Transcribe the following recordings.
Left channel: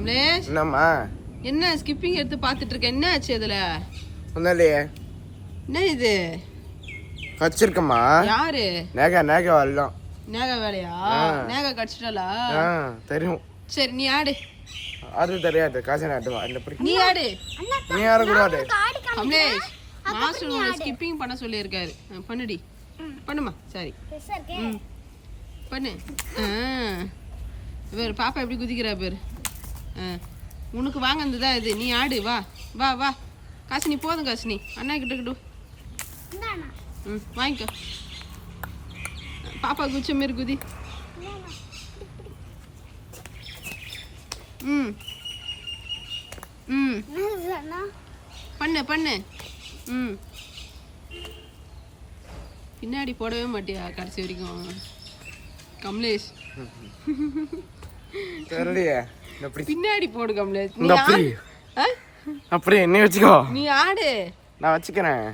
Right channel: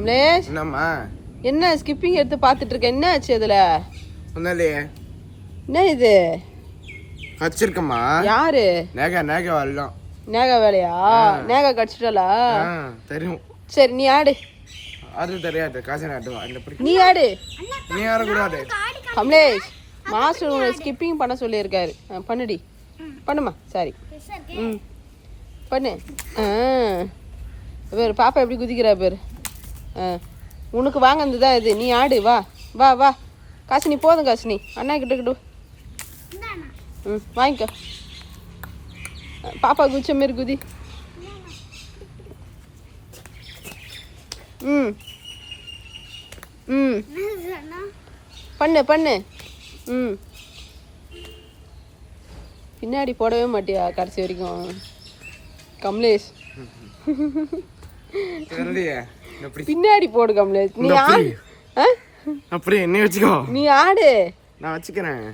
கமலேஷ், என்னம்மா என்ன ஸ்கிப்பிங் எடுத்து பார்த்துட்டு இருக்க? என்ன ஆச்சு அதுல? ஒன்னும் என்ன இது? கடிச்சிருக்கம்மா. யாரு? நேகா வரலாம். நேகா வேலையா? நேகா கடிச்சிட்டாளா? தெரியும். சரி நீ ஆடு. அது தெரியாது. காசு நாட்டுவா. நீ ஆடு. நீ ஆடக்கூடாது. கமலேஷ், மாஸ்டர் உங்களை ஸ்கிப்பிங் பண்ண சொல்லியிருக்காரு. பண்ணுடி. பண்ணுமா. சரி. பண்ணு. பேர் பாப்பா எப்படி குதிக்கிறா பேர். உனக்கு வாங்கினது தான் இது. நீ ஆடு. வா வா வா. காசினி போதும். காசினி அண்ணா கிட்ட வாங்கிக்க. பாப்பா குதிச்ச மாரி குதி. பண்ணு பண்ணு. பின்னாடி போடவே மாட்டியா கடைசி வரைக்கும் கமலேஷ்? பின்னாடி போடு கமலேஷ். அப்படி என்ன வச்சுக்கோ. நீ ஆடு. நான் வச்சுக்கிறேன்.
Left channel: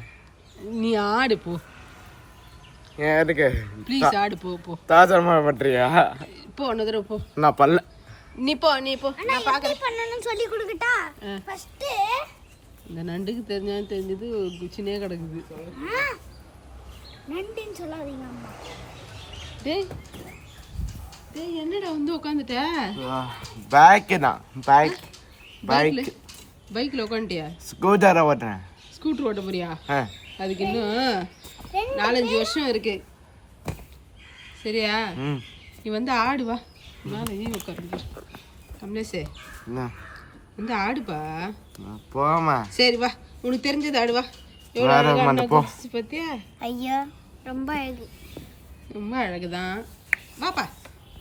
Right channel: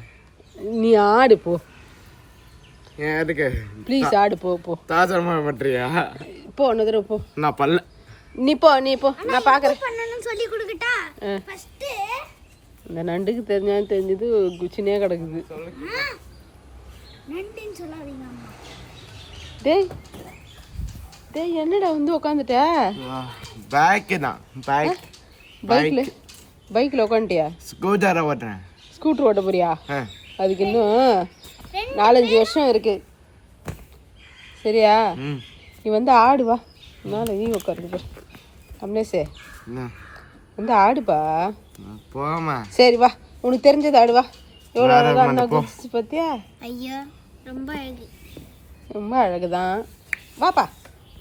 நீ ஆடு போ. ஏன் எதுக்கு? ப்ளீஸ் ஆடு போ போ. தாசரமா பண்றியா? போ இன்னொரு தடவை போ. நான் பண்ணல. நீ போ நீ போ. நான் பாக்குறேன். பண்ணனும் சொல்லி கொடுக்கட்டா? ஃபர்ஸ்ட் இந்த நண்டுக்கு தெரிஞ்சது குச்சினே கிடக்குது. நண்டுன்னு சொல்லாதீங்க அம்மா. டேய் டேய் என்னடா வந்து உட்காந்துட்ட? பைக்ல உட்காந்துட்டியா? ஸ்கூட்டர் ஓட்டுறேன். ஸ்கூட்டர் ஓட்ட போறியா? அதுக்கு இன்னும் 4-5 வருஷம் இருக்கு. சரியா? நீ வந்து ஆடு. வா மேலே நீ உட்காந்து. கமலேஷே வந்து ஆடுப்பா. போமா. சரி வா, உனக்கு தெரிஞ்சது ஆடு. வா. எவ்வளோ பத்தியா? ஐயோ ரொம்ப அழகு. ரொம்ப அழகுதான். வாப்பா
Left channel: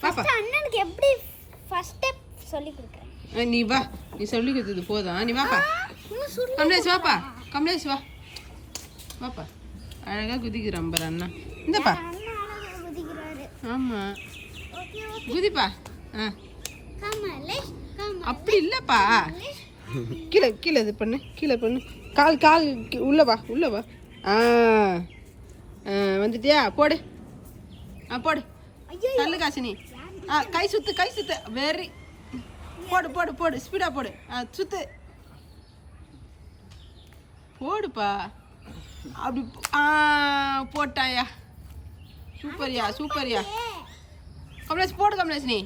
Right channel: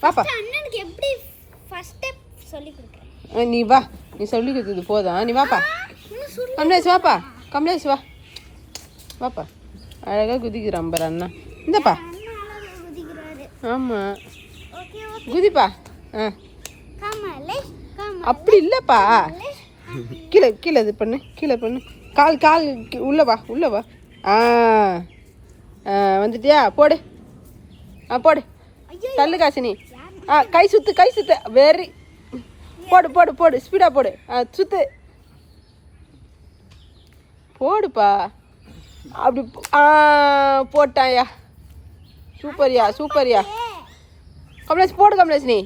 வாப்பா. அண்ணனுக்கு எப்படி ஃபர்ஸ்ட் ஸ்டெப் சொல்லி கொடுக்குறேன். நீ வா. நீ சொல்லி கொடுத்தது போதும். நீ வாப்பா. கமலேஷ் வாப்பா. கமலேஷ் வா. வாப்பா. அழகா குதிக்கிறான் பாரு அண்ணா. இந்தப்பா. ஆமா குதிப்பா. அப்படி இல்லப்பா. கீழே கீழே இது பண்ணு. கீழே பண்ணு. கால் உள்ள வா. உள்ள வா. வந்துட்டியா? போடு. போடு. தள்ளு காசினி. கை சுத்து. வெரி. போடு. ஸ்பீடா போடு. சுத்து. போடுப்பா. அப்படி போட்டாயா? சூப்பர்யா. கமலேஷ் போடு. கமலேஷ் நீ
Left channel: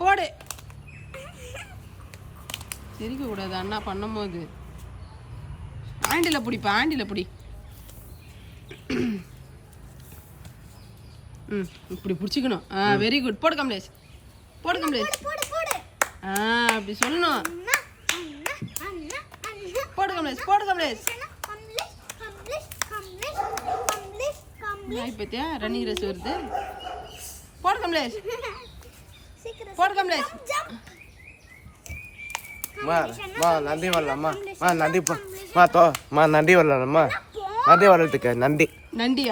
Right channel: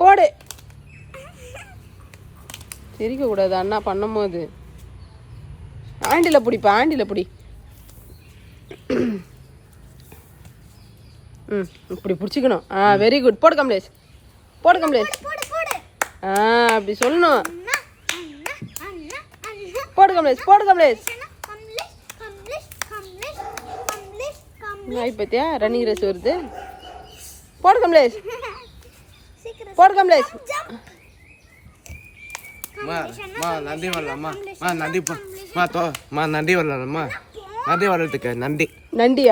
போடு. சிரிக்க கூடாது அண்ணா பண்ணும் போது. ஆண்டில பிடி. இப்படி பிடிச்சிக்கணும். Very good. போடு கமலேஷ். அப்படி சொல்லணும். போடு கமலேஷ். நாய் பத்தியா ரன்னிங் ரேஸ் வருது. போடு கமலேஷ். நந்தி வரலாமா? நந்தி வரலாமா? நந்தி வர்றதுக்கு நண்டியா? நந்தி.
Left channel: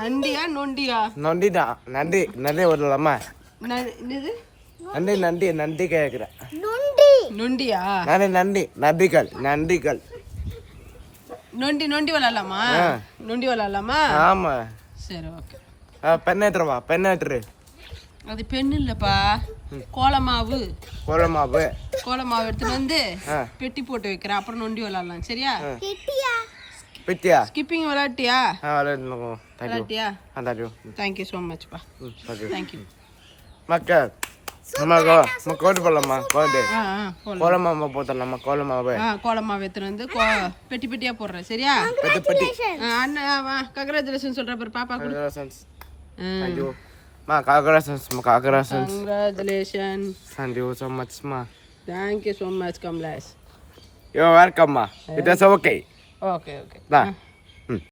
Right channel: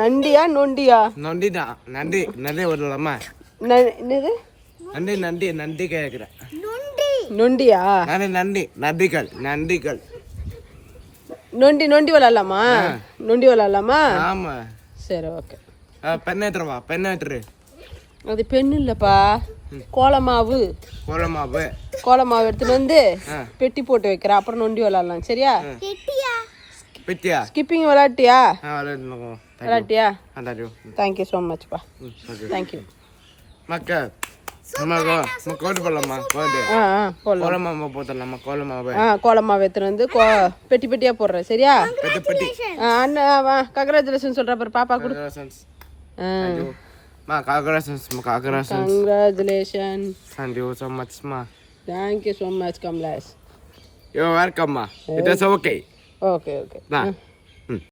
நண்டியா நொண்டியா? நொண்டிதான். நந்தி வரலாமா? என்னது நந்தி கேக்குறேன். நொண்டியா? நந்திகள். நொண்டி விளாடலாமா? ஆமா. சரி ஓகே. பெண்ணேற்று. அது பெண் இல்லப்பா. கோலமாவு எடுத்துட்டு வந்து பெட்டி போட்டு வைக்கிறேன். அப்புறம் நொண்டி விளாடலாம். சரியா? பெட்டியா? ஸ்கிப்பிங் விளாட்டியா? விளாட்டியா? தேங்க்யூ ஸோ மச்ப்பா. தேங்க்யூ மக்கள். கோடு போடலாமா? கோலமாவு எடுத்துட்டு வந்து பெட்டியா போடுறேன். சரியா? அண்ணா கங்க்ராச்சுலேஷன் சொல்ற பாரு பாப்பா. Congratulations. Thank you so much, ma. Thank you so much, Kamlesh. You're welcome, ma. It is okay. Okay. Nah.